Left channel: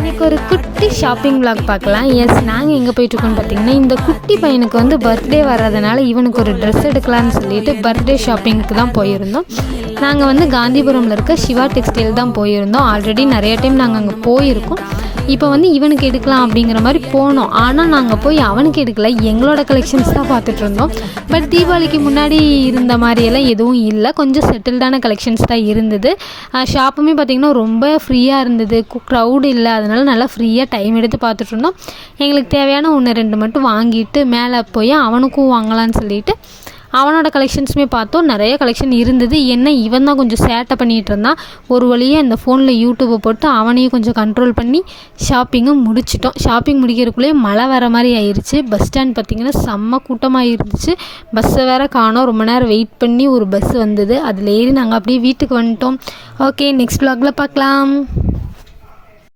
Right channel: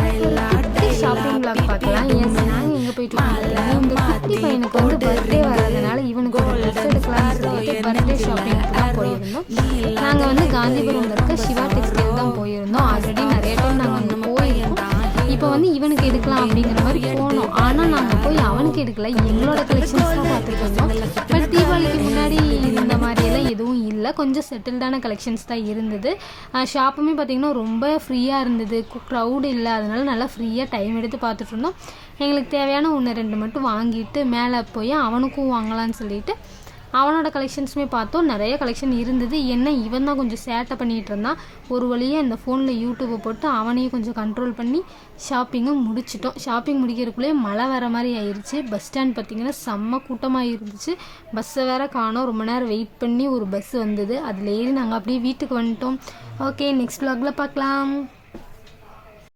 எனக்கு ஒரு குட்டி ஷாப்பிங் vlog பார்க்கலாம். எஸ், நாங்கள் எங்கே போயிட்டுருக்கோம் பார்த்தீங்கன்னா, இந்த குட்டி பையனுக்கு வந்து பர்த்டே வர்றதுனால இவனுக்கு ஒரு ட்ரெஸ் எடுக்கலான்னு சொல்லிட்டு பர்த்டே ஷாப்பிங்க்கு தான் போயிருந்தோம். நாங்கள் வந்து காந்திபுரமில் இருக்க சிவா டெக்ஸ்டைல் தான் போயிருந்தோம். ஆல்ரெடி நிறைய டைம் நாங்கள் அங்கே போயிருக்கோம். இப்போ வந்து இவனுக்கு எடுக்கலாம் அப்படிங்கிற மாதிரி போனோம். ஆனால் நாங்கள் போய் அவனுக்கு எடுக்கல, எங்களோட கலெக்ஷன்ஸ் தான் பார்த்துட்டு இருந்தோம். பட் தீபாவளிக்கு முன்னாடி இருந்த மாதிரியெல்லாம் எதுவும் இல்லை, கொஞ்சம் செட்டில்டான கலெக்ஷன்ஸ் தான் இருந்தது. ஷாப்புமே பார்த்திங்கன்னா ரொம்ப ஃப்ரீயாக இருந்தது, க்ரௌடு இல்லை, அதனால நல்லா ஃப்ரீயாக டைம் எடுத்து பார்த்துட்டு இருந்தோம். எங்களுக்கு தேவையான 1-2 மட்டும் வாங்கிட்டு மேலே போய் அவனுக்கும் வாங்கலான்னு சொல்லிட்டு அவனோட கலெக்ஷன்ஸுமே பார்த்தோம். நிறைய கலெக்ஷன் இருந்தது. என்ன இவன் தான் கொஞ்சம் சேட்டை பண்ணிகிட்டு இருந்தான். ஒரு வழியாக இந்த ஃபோனில் யூடியூப்பை போட்டு அவனையும் கொஞ்சம் கண்ட்ரோல் பண்ணி ஷாப்பிங்கும் முடிச்சிட்டோம். ஷாப்பிங் முடிக்கிறதுக்குள்ளேயே மழை வர மாதிரி ஆயிடுச்சு. பஸ் ஸ்டாண்ட் பார்த்திங்கன்னா செம்ம கூட்டமாக இருந்துச்சு. பஸ்ஸை வேறு காணோம். ரொம்ப நேரம் வெயிட் பண்ணி ஒரு பஸ் வந்தது, அதில் ஏறி நாங்கள் அப்படியே வீட்டுக்கு வந்துட்டோம். ஓகே, நெக்ஸ்ட் vlogல பார்க்கலாம்.